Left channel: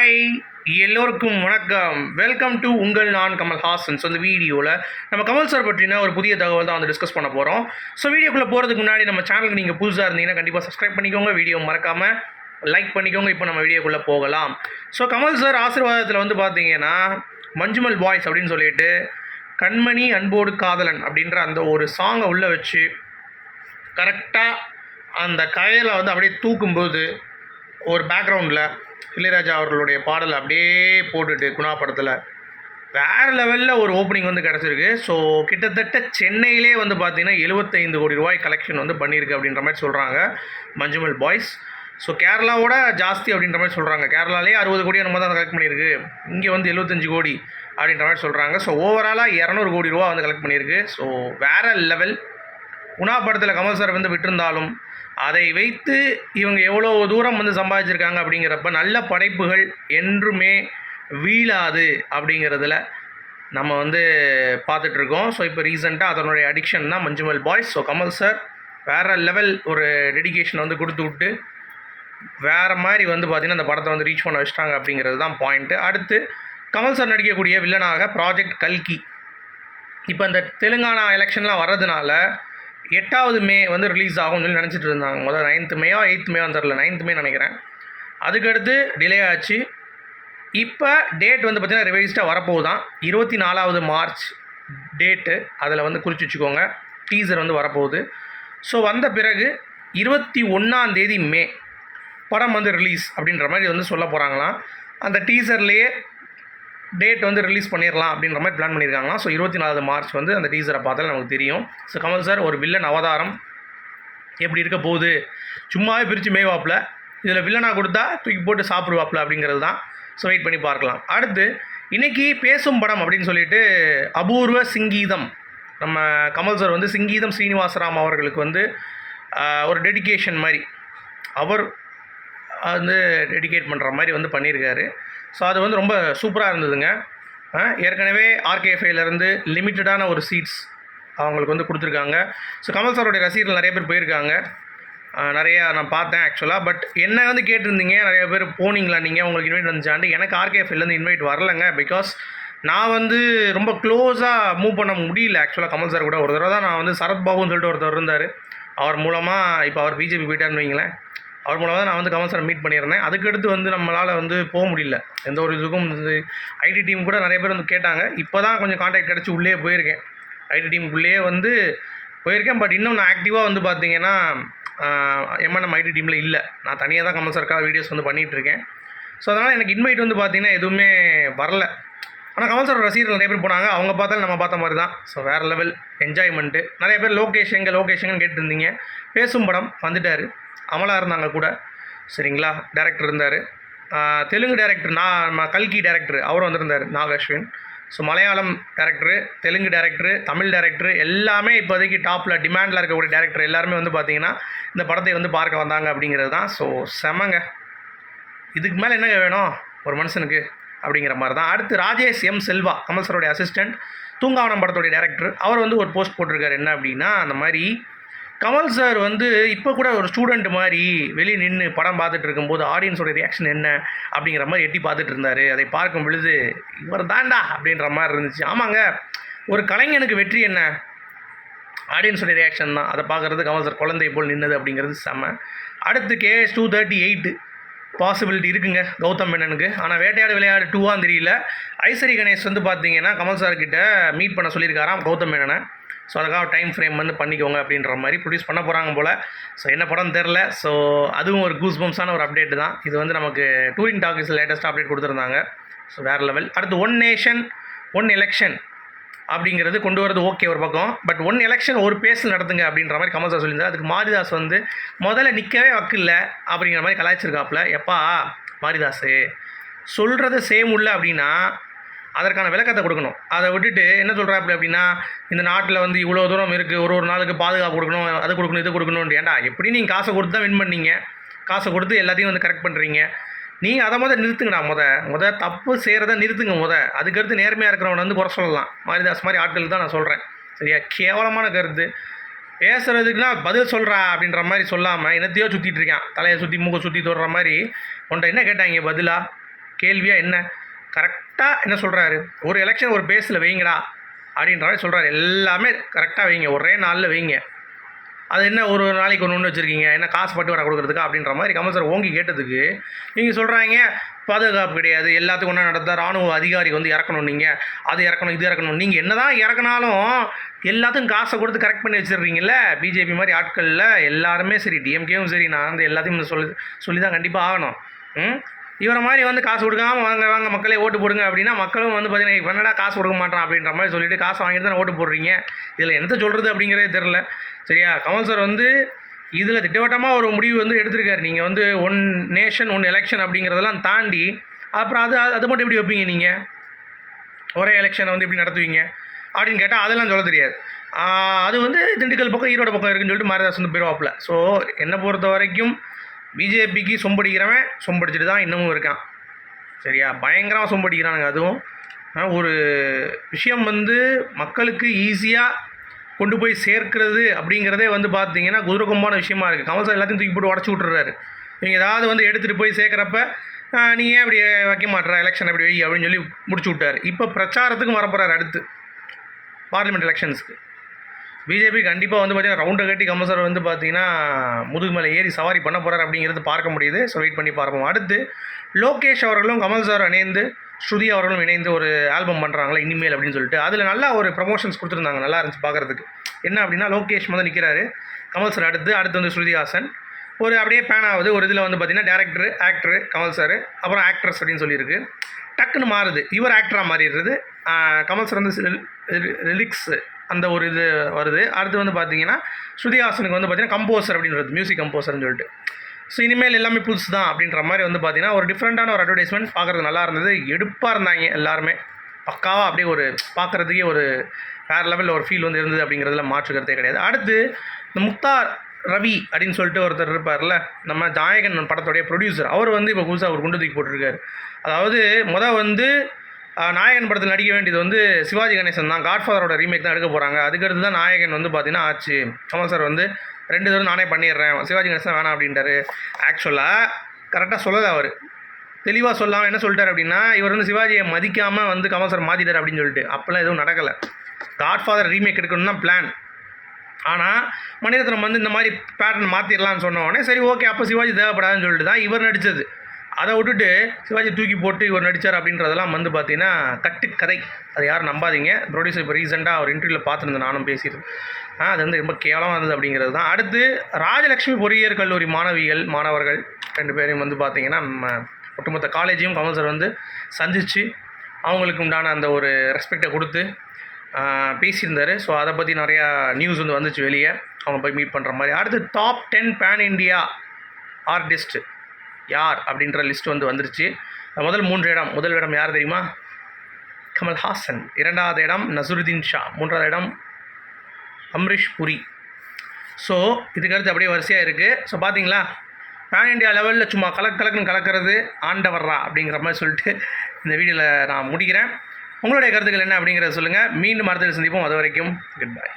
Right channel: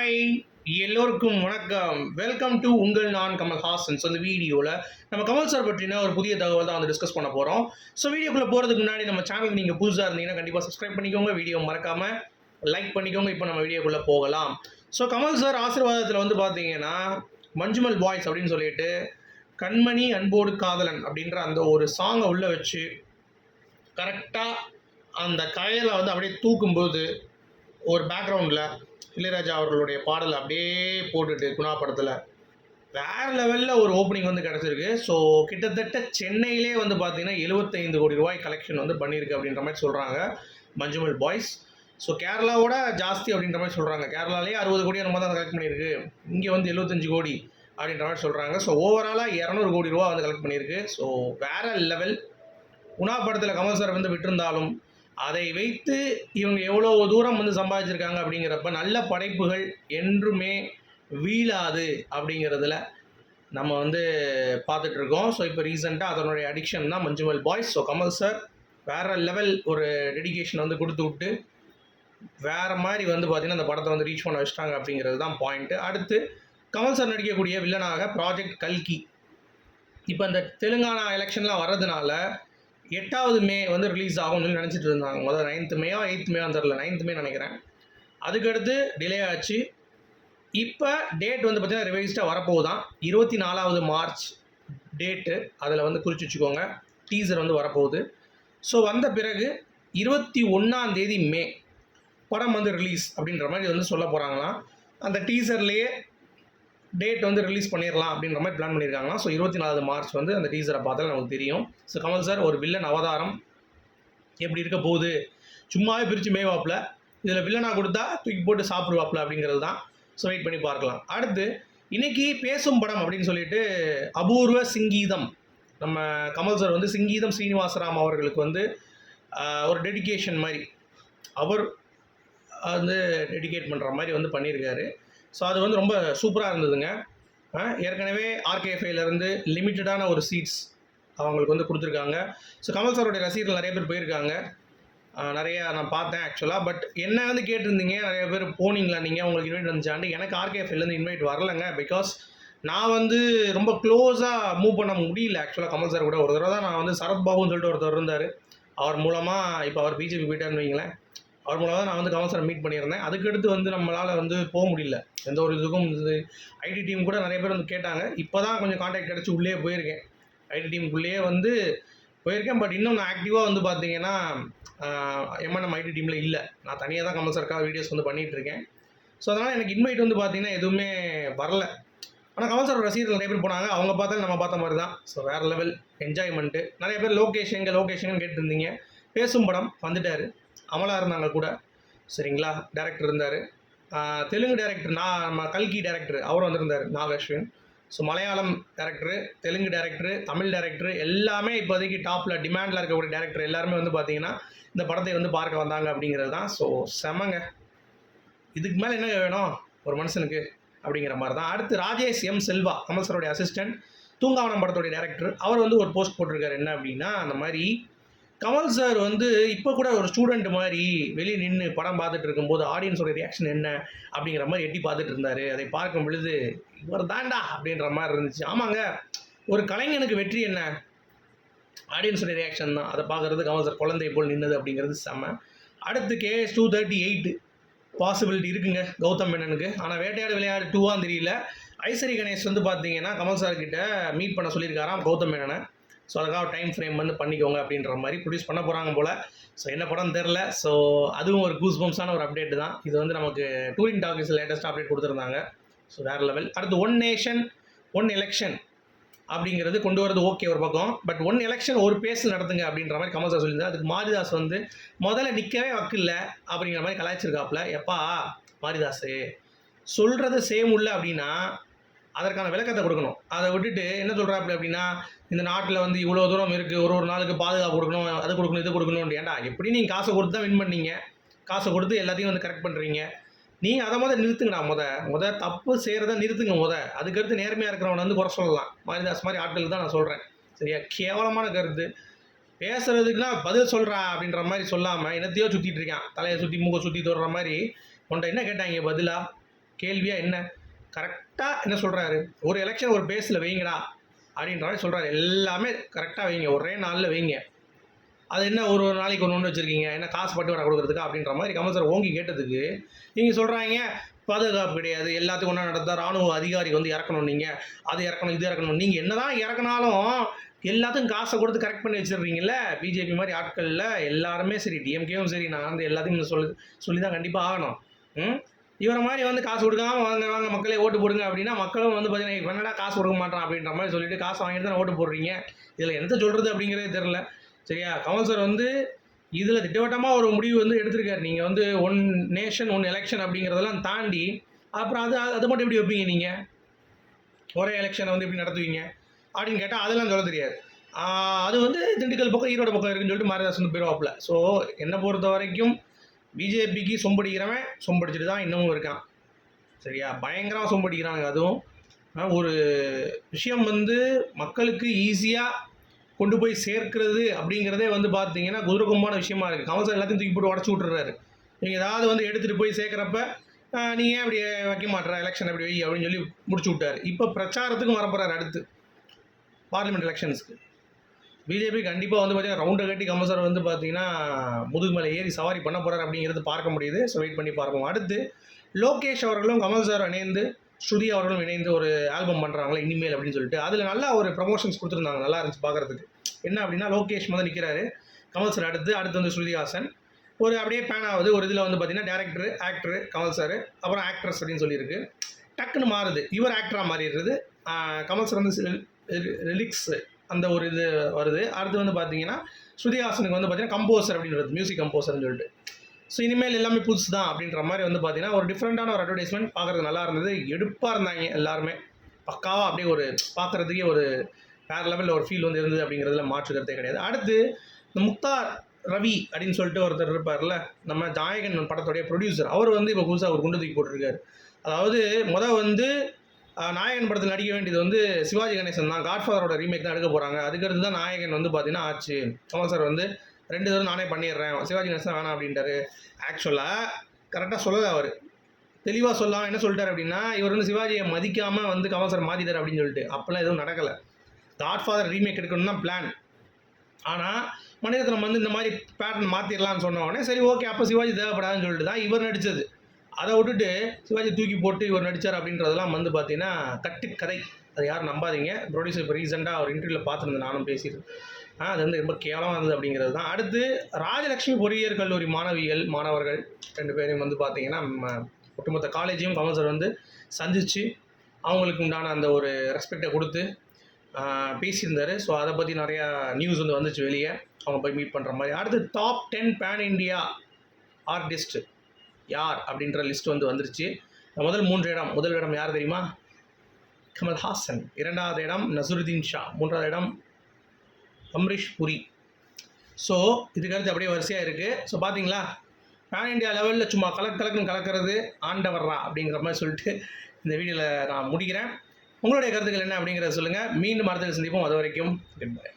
Hi எல்லோருக்கும் வணக்கம். Welcome to உங்கள் நான் கமல் ஹாசன்ஸ் வீடியோவில் நம்ம கமல் சார் பற்றின ஒரு புதிய தகவல் தான் வந்து டிஸ்கஸ் பண்ண போகிறோம் ஸோ வீடியோக்குள்ளே போகிறதுக்கு முன்னாடி நம்ம சேனலுக்கு நீங்கள் புதுசாக இருந்தீங்கன்னா கண்டிப்பாக சப்ஸ்கிரைப் பண்ணிக்கோங்க. வீடியோ மறக்காமல் லைக் பண்ணிக்கோங்க. இப்போ நம்ம வீடியோக்குள்ளே போகலாம். ஸோ கமல் சார் ஆசீர்வாதத்தில் வந்து பார்த்தீங்கன்னா மஞ்சுமல் பாய்ஸ் அப்படின்னு சொல்லிட்டு கண்மணி அன்போடு காதலன் அப்படின்ற அந்த ஒரு சாங்கை உள்ளே வச்சு கரெக்டாக அந்த கயலை வந்து அப்படியே தூக்கும்போது ஒரு பேக்ரவுண்டில் இளையராஜா அவர்களுடைய பாடல் அப்படியே போட்டுட்டு குணா படத்தில். வேறு லெவலில் ஒரு ஓப்பனிங் வந்து கிடச்சிருக்கு. ஸோ கிட்டத்தட்ட சென்னையிலே வந்து பார்த்தீங்கன்னா 75 கோடி ரூபாய் கலெக்ஷன் வந்து பண்ணியிருக்கு அப்படின்ற மாதிரி சொல்கிறாங்க மஞ்சுமல் பாய்ஸ் ஸோ கேரளாவோட ஜாஸ்தி அப்படின்ற மாதிரி சொல்கிறாங்க கேரளாலே அறுபது கோடி நம்ம தான் கலெக்ட் பண்ணியிருக்கு. இங்கே வந்து 75 கோடி அப்படின்ற மாதிரி சொல்கிறாங்க ஸோ ஓவராலாக இரநூறு கோடி ரூபா வந்து கலெக்ட் பண்ணியிருக்கு. ஸோ வேறு லெவல் உணா படத்தில் கமல் சார் வந்து விட்டிருந்தாலும் அதை வைத்து இவங்க எவ்வளோ தூரம் வந்து சம்பாதிச்சிருக்காங்க அப்படிங்கிறப்ப நல்ல படைப்புகள் என்றுமே வீழாது அப்படிங்கிறதுல நம்ம வந்து பார்த்துட்ருக்கோம். ஸோ இப்போ ரீசெண்டாக அதனுடைய அடிக்ஷன் தான் Manjummel boys so Kamal sir வேறு லெவல் ஒரு டெடிகேஷன் வந்து கொடுத்து விட்டு வேறு மாதிரி வந்து பார்த்திங்கன்னா அந்த படத்தை வந்து ரீச் பண்ண வச்சிட்டாங்க அப்படிங்கிறது தான் பாயிண்ட்டு அடுத்து கமல் சார் நடிக்கக்கூடிய வில்லனாக ப்ராஜெக்ட் கல்கி. இப்போ இந்த தெலுங்கானா எலெக்ஷன்லாம் வர்றதுனால எட்டாவது மே வந்து ரிலீஸ் ஆகும்னு சொல்லி நினச்சிட்டு இருந்தாங்க. முதல் நைன்த்து மேயோ எயித் மேயோ தெரில நைன்த் மே நினைக்கிறேன். அதுக்கடுத்து டிலே ஆச்சு. இப்போ டேட் வந்து பார்த்திங்கன்னா ரிவைஸ்டாக வரப்போகுதான். இருபத்தி நாலாவது மார்ச் டேட்டு அதில் வந்து குறித்து வச்சுக்கோங்க. டீசர் வந்து வரப்போகுது. ஸோ வந்த பிறகு இருபத்தி ஒன்றாந்தேதி மே படம் வந்து ரிலீஸ் அப்படின்ற மாதிரி வந்து சொல்ல போகிறாங்களாம் அந்த டீசர்லேயே டேட் வந்து ரிலீஸ் பண்ணிடலாம் அப்படின்ற மாதிரி பிளான் பண்ணியிருக்காங்க ஸோ இருபத்தி நாலு மார்ச் வந்து அந்த டீசரை பார்த்தாலே நமக்கு தெரியும். ஸோ கமல் சார் ஒரு வில்லன் அவதாரம் எப்படி இருக்க போகுது? சும்மாவே பிரித்து மேய்வாப்பில் இதில் வில்லனாக கொடுத்தா தூக்கி போட்டு சாப்பிடுவாப்பில் அப்படிங்கிறது தான். ஸோ வெயிட் பண்ணி பார்க்கலாம். அடுத்து இன்னைக்கு பேசும் படம் அப்படின்னு சொல்லிட்டு அபூர்வ சிங்கீதம். நம்ம கமல் சார் வந்து சிங்கீதம் ஸ்ரீனிவாசராம் அவர்களுக்கு வந்து ஒரு டெடிகேஷன் மாதிரி. அவர் வந்து டெடிகேட் பண்ணுற மாதிரி வந்து பண்ணியிருக்காரு ஸோ அது வந்து ரொம்ப சூப்பராக இருந்ததுங்க. ஏற்கனவே ஆர்கேஎஃப்ஐலேருந்து லிமிட்டடான ஒரு சீட்ஸ் அவங்களுக்கு வந்து கொடுத்துருக்காங்க. ஸோ கமல் சாரோடைய ரசிகர்கள் நிறைய பேர் போயிருக்காங்க. நிறையா நான் பார்த்தேன் ஆக்சுவலாக பட் என்ன வந்து கேட்டிருந்தீங்க? நிறைய பேர் போனீங்களா நீங்கள் உங்களுக்கு இன்வைட் வந்துச்சாண்டு எனக்கு ஆர்கேஎஃப்ஐலேருந்து இன்வைட் வரலைங்க பிகாஸ் நான் வந்து ரொம்ப க்ளோஸாக மூவ் பண்ண முடியல ஆக்சுவலாக கமல் சார் கூட. ஒரு தடவை தான் நான் வந்து சரத்பாபுன்னு சொல்லிட்டு ஒருத்தர் இருந்தார். அவர் மூலமாக இப்போ அவர் பிஜேபி போயிட்டாருன்னு வைங்களேன். அவர் மூலமாக தான் நான் வந்து கமல் சார் மீட் பண்ணியிருந்தேன். அதுக்கடுத்து வந்து நம்மளால் வந்து போக முடியல. எந்த ஒரு இதுக்கும் ஐடி டீம் கூட நிறைய பேர் வந்து கேட்டாங்க. இப்போ தான் கொஞ்சம் காண்டாக்ட் கிடச்சி உள்ளே போயிருக்கேன். ஐடி டீமுக்குள்ளேயே வந்து போயிருக்கேன். பட் இன்னும் நான் ஆக்டிவாக வந்து பார்த்தீங்கன்னா எம்என்எம் ஐடி டீமில் இல்லை. நான் தனியாக தான் கமல் சார்க்காக வீடியோஸ் வந்து பண்ணிகிட்ருக்கேன் ஸோ அதனால் எனக்கு இன்வைட் வந்து பார்த்திங்கன்னா எதுவுமே வரல. ஆனால் கமல் சார் ரசிகர்கள் நிறைய பேர் போனாங்க. அவங்க பார்த்தாலும் நம்ம பார்த்த மாதிரி தான். ஸோ வேறு லெவல் என்ஜாய்மெண்ட்டு நிறைய பேர் லோகேஷ் எங்கே லோகேஷன் கேட்டிருந்தீங்க. பேசும் படம் வந்துட்டார். அமலா இருந்தாங்க கூட. சரிங்களா? டேரக்டர் இருந்தார். தெலுங்கு டேரக்டர் நான் நம்ம கல்கி டேரக்டர் அவரும் வந்திருந்தார் Nag Ashwin so Malayalam director Telugu director Tamil director எல்லாமே இப்போதைக்கு டாப்பில் டிமாண்டில் இருக்கக்கூடிய டேரக்டர் எல்லாருமே வந்து பார்த்தீங்கன்னா இந்த படத்தை வந்து பார்க்க வந்தாங்க அப்படிங்கிறது தான். ஸோ செமங்க இதுக்கு மேலே என்னங்க வேணும்? ஒரு மனுஷனுக்கு அப்படிங்கிற மாதிரி தான். அடுத்து ராஜேஷ் எம் செல்வா கமல் சாரோடைய அசிஸ்டன்ட் தூங்காவனம் படத்துடைய டேரக்டர் அவர் வந்து ஒரு போஸ்ட் போட்டிருக்காரு. என்ன அப்படின்னா அந்த மாதிரி கமல் சார் வந்து இப்போ கூட ஒரு ஸ்டூடெண்ட் மாதிரி வெளியே நின்று படம் பார்த்துட்டு இருக்கும்போது ஆடியன்ஸோட ரியாக்ஷன் என்ன அப்படிங்கிற மாதிரி எட்டி பார்த்துட்டு இருந்தார். அதை பார்க்கும் பொழுது இவர் தாண்டா அப்படின்ற மாதிரி இருந்துச்சு. ஆமாங்க ஒரு கலைஞனுக்கு வெற்றி என்ன? ஆடியன்ஸோட ரியாக்ஷன் தான். அதை பார்க்குறது கமல் சார் குழந்தை போல் நின்னது அப்படிங்கிறது செம்ம அடுத்து KS two thirty eight possibility இருக்குங்க. கௌதம் மேனனுக்கு. ஆனால் வேட்டையாடு விளையாடு டூவான்னு தெரியல. ஐசரி கணேஷ் வந்து பார்த்தீங்கன்னா கமல் சார் கிட்ட மீட் பண்ண சொல்லியிருக்காராம் கௌதம் மேனனை. ஸோ அதுக்காக டைம் ஃப்ரேம் வந்து பண்ணிக்கோங்க அப்படின்ற மாதிரி ப்ரொடியூஸ் பண்ண போகிறாங்க போல். ஸோ என்ன படம் தெரில ஸோ அதுவும் ஒரு கூஸ் பம்ஸான ஒரு அப்டேட் தான். இது வந்து நமக்கு டூரிங் டாக்கிஸ் லேட்டஸ்ட்டாக அப்டேட் கொடுத்துருந்தாங்க. ஸோ வேறு லெவல் அடுத்து ஒன் நேஷன் ஒன் எலெக்ஷன் அப்படிங்கிறது கொண்டு வரது ஓகே ஒரு பக்கம். பட் ஒன் எலெக்ஷன் ஒரு பேஸில் நடத்துங்க அப்படின்ற மாதிரி கமல் சார் சொல்லியிருந்தார். அதுக்கு மாரிதாஸ் வந்து முதல்ல நிற்கவே வக்கில்ல அப்படிங்கிற மாதிரி கலாய்ச்சிருக்காப்புல. எப்பா மாரிதாஸு சொல்கிறது சேம் உள்ள அப்படின்னா அதற்கான விளக்கத்தை கொடுக்கணும். அதை விட்டுட்டு என்ன சொல்கிறாப்புல அப்படின்னா இந்த நாட்டில் வந்து இவ்வளோ தூரம் இருக்குது ஒரு ஒரு நாளுக்கு பாதுகாப்பு கொடுக்கணும் அது கொடுக்கணும் இது கொடுக்கணும் ஏன்டா எப்படி நீங்கள் காசை கொடுத்து தான் வின் பண்ணீங்க? காசை கொடுத்து எல்லாத்தையும் வந்து கரெக்ட் பண்ணுறீங்க நீ அதை முத நிறுத்துங்கண்ணா முத. முத தப்பு செய்கிறத நிறுத்துங்க முத. அதுக்கடுத்து நேர்மையாக இருக்கிறவனை வந்து குறை சொல்லலாம். மாரிதாஸ் மாதிரி ஆட்களுக்கு தான் நான் சொல்கிறேன் சரியா? கேவலமான கருத்து. பேசுறதுக்குன்னா பதில் சொல்கிறா அப்படின்ற மாதிரி சொல்லாமல் என்னத்தையோ சுற்றிட்டு இருக்கான். தலையை சுற்றி மூக்கை சுற்றி தொடுற மாதிரி உன்ட்ட என்ன கேட்டாங்க பதிலா? கேள்வியாக என்ன? கரெக்டாக என்ன சொல்கிறாரு ஒரு எலெக்ஷன் ஒரு பேஸில் வைங்கடா. அப்படின்ற மாதிரி சொல்கிறாரு எல்லாமே கரெக்டாக வைங்க. ஒரே நாளில் வைங்க. அது என்ன ஒரு நாளைக்கு ஒன்று ஒன்று வச்சுருக்கீங்க? என்ன காசு பட்டு வர கொடுக்குறதுக்கா? அப்படின்ற மாதிரி கமல் ஓங்கி கேட்டதுக்கு நீங்கள் சொல்கிறாங்க பாதுகாப்பு கிடையாது எல்லாத்துக்கும் ஒன்றா நடந்தால் ராணுவ அதிகாரி வந்து இறக்கணும் நீங்கள் அது இறக்கணும் இது இறக்கணும். நீங்கள் என்ன தான் இறக்குனாலும் எல்லாத்துக்கும் காசை கொடுத்து கரெக்ட் பண்ணி வச்சிடுறீங்கள பிஜேபி மாதிரி ஆட்களில் எல்லாருமே சரி டிஎம்கேவும் சரி நான் வந்து எல்லாத்தையும் சொல்லி சொல்லி தான் கண்டிப்பாக ஆகணும். ம்? இவரை மாதிரி வந்து காசு கொடுக்காம வாங்க வாங்க மக்களே ஓட்டு போடுங்க அப்படின்னா மக்களும் வந்து பார்த்தீங்கன்னா "இவன் என்னடா காசு கொடுக்க மாட்டான் அப்படின்ற மாதிரி சொல்லிட்டு காசு வாங்கிட்டு தான் ஓட்டு போடுறீங்க? இதில் என்னத்த சொல்கிறது அப்படிங்கிறதே தெரில சரியா? கமல் சார் வந்து இதில் திட்டவட்டமாக ஒரு முடிவு வந்து எடுத்திருக்காரு. நீங்கள் வந்து ஒன் நேஷன் ஒன் எலெக்ஷன் அப்படிங்கிறதெல்லாம் தாண்டி அப்புறம் அது அது மட்டும் எப்படி வைப்பீங்க நீங்கள் ஒரே எலெக்ஷனை வந்து எப்படி நடத்துவீங்க? அப்படின்னு கேட்டால் அதெல்லாம் சொல்ல தெரியாது. அது வந்து திண்டுக்கல் பக்கம் ஈரோடு பக்கம் இருக்குன்னு சொல்லிட்டு மாரிதாஸ் வந்து போயிடுவாப்பில் ஸோ என்னை பொறுத்த வரைக்கும் பிஜேபிக்கு சொம்படிக்கிறவன் சொம்படிச்சிட்டு தான் இன்னமும் இருக்கான். சரியா? பயங்கரமாக சொம்படிக்கிறானுங்க அதுவும். ஒரு விஷயம் வந்து மக்களுக்கு ஈஸியாக கொண்டு போய் சேர்க்கிறது அப்படிங்கிறதே வந்து பார்த்தீங்கன்னா குதிரகம்பான விஷயமா இருக்குது கமல் சார் எல்லாத்தையும் தூக்கி போட்டு உடச்சி விட்டுறாரு. நீங்கள் ஏதாவது வந்து எடுத்துகிட்டு போய் சேர்க்குறப்ப நீ ஏன் அப்படி வைக்க மாட்டேற? எலெக்ஷன் அப்படி வை அப்படின்னு சொல்லி முடிச்சு விட்டாரு. இப்போ பிரச்சாரத்துக்கும் வரப்போகிறார் அடுத்து. பார்லிமெண்ட் எலெக்ஷன்ஸ்க்கு பிஜேபி கண்டிப்பாக வந்து பார்த்தீங்கன்னா ரவுண்டை கட்டி கமல் சார் வந்து பார்த்தீங்கன்னா முதுகு மேலே ஏறி சவாரி பண்ண போகிறார் அப்படிங்கிறது பார்க்க முடியுது. ஸோ வெயிட் பண்ணி பார்ப்போம். அடுத்து லோகேஷ் அவர்களும் கமல் சார் இணைந்து ஸ்ருதி அவர்களும் இணைந்து ஒரு ஆல்பம் பண்ணுறாங்களா இனிமேல் அப்படின்னு சொல்லிட்டு. அதில் நல்லா ஒரு ப்ரமோஷன்ஸ் கொடுத்துருந்தாங்க நல்லா இருந்துச்சு பார்க்குறதுக்கு. என்ன அப்படின்னா லோகேஷ் வந்து நிற்கிறாரு கமல் சார் அடுத்து அடுத்து வந்து ஸ்ருதிஹாசன் ஒரு அப்படியே பேன் ஆகுது. ஒரு இதில் வந்து பார்த்தீங்கன்னா டேரக்டர் ஆக்டர் கமல் சார் அப்புறம் ஆக்ட்ரஸ் அப்படின்னு சொல்லியிருக்கு. டக்குன்னு மாறுது. இவர் ஆக்டராக மாறிடுறது. கமல் சார் வந்து லிரிக்ஸ் அந்த ஒரு இது வருது. அடுத்து வந்து பார்த்தீங்கன்னா ஸ்ருதிஹாசனுக்கு வந்து பார்த்தீங்கன்னா கம்போசர் அப்படின்னு வருது மியூசிக் கம்போசர்னு சொல்லிட்டு. ஸோ இனிமேல் எல்லாமே புதுசு தான் அப்படின்ற மாதிரி வந்து பார்த்தீங்கன்னா ஒரு டிஃப்ரெண்ட்டான ஒரு அட்வர்டைஸ்மெண்ட் பார்க்குறது நல்லா இருந்தது. எடுப்பாக இருந்தாங்க எல்லாருமே. பக்காவாக அப்படியே ஒரு பார்க்குறதுக்கே ஒரு வேறு லெவலில் ஒரு ஃபீல் வந்து இருந்தது அப்படிங்கிறதுல மாற்றுக்கிறதே கிடையாது. அடுத்து இந்த முக்தார் ரவி அப்படின்னு சொல்லிட்டு ஒருத்தர் இருப்பார்ல நம்ம ஜாயகன் படத்துடைய ப்ரொடியூசர் அவர் வந்து இப்போ புதுசாக ஒரு குண்டு தூக்கி போட்டிருக்காரு. அதாவது மொதல் வந்து நாயகன் படத்தில் நடிக்க வேண்டியது வந்து சிவாஜி கணேசன் தான். காட்ஃபாதரோட ரீமேக் தான் எடுக்க போகிறாங்க அதுக்கடுத்து தான் நாயகன் வந்து பார்த்தீங்கன்னா ஆச்சு. கமல் சார் வந்து ரெண்டு தடவை நானே பண்ணிடுறேன். சிவாஜி கணேசன் வேணாம் அப்படின்ட்டாரு. ஆக்சுவலாக கரெக்டாக சொல்லலை அவர். தெளிவாக சொல்லாமல் என்ன சொல்லிட்டார் அப்படின்னா இவர் வந்து சிவாஜியை மதிக்காமல் வந்து கமல் சார் மாற்றிட்டார் அப்படின்னு சொல்லிட்டு. அப்போல்லாம் எதுவும் நடக்கலை. காட்ஃபாதர் ரீமேக் எடுக்கணும்னு தான் பிளான் ஆனால் மணிரத்னம் வந்து இந்த மாதிரி பேட்டர்ன் மாற்றிடலாம்னு சொன்ன உடனே சரி ஓகே அப்போ சிவாஜி தேவைப்படாதுன்னு சொல்லிட்டு தான் இவர் நடித்தது அதை விட்டுட்டு சிவாஜி தூக்கி போட்டு இவர் நடித்தார் அப்படின்றதெல்லாம் வந்து பார்த்தீங்கன்னா கட்டுக்கதை. அதை யாரும் நம்பாதீங்க. ப்ரொடியூசர் இப்போ ரீசெண்டாக ஒரு இன்டர்வியூவில் பார்த்துருந்தேன் நானும் பேசியிருந்தேன் ஆ அது வந்து ரொம்ப கேவலமாக இருந்தது அப்படிங்கிறது தான். அடுத்து ராஜலக்ஷ்மி பொறியியல் கல்லூரி மாணவிகள் மாணவர்கள் ரெண்டு பேரையும் வந்து பார்த்தீங்கன்னா நம்ம ஒட்டுமொத்த காலேஜையும் கமல் சார் வந்து சந்தித்து அவங்களுக்கு உண்டான அந்த ஒரு ரெஸ்பெக்டை கொடுத்து பேசியிருந்தார். ஸோ அதை பற்றி நிறையா நியூஸ் வந்து வந்துச்சு வெளியே. அவங்க போய் மீட் பண்ணுற மாதிரி. அடுத்து top ten pan India artist யார் அப்படின்ற லிஸ்ட் வந்து வந்துருச்சு. முதல் மூன்று இடம் முதல் இடம் யார் தெரியுமா? கமல்ஹாசன் இரண்டாவது இடம் நசுருதீன் ஷா. மூன்றாவது இடம் அம்ரிஷ் புரி. ஸோ இதுக்கடுத்து அப்படியே வரிசையாக இருக்குது ஸோ பார்த்தீங்களா பேன் இண்டியா லெவலில் சும்மா கலக் கலக்குன்னு கலக்கிறது ஆண்டவர்ரா அப்படிங்கிற மாதிரி சொல்லிட்டு இந்த வீடியோவில் நான் முடிக்கிறேன். உங்களுடைய கருத்துக்கள் என்ன அப்படிங்கிறத சொல்லுங்கள் மீண்டும் மரத்தில் சந்திப்போம். அது வரைக்கும் குட் பை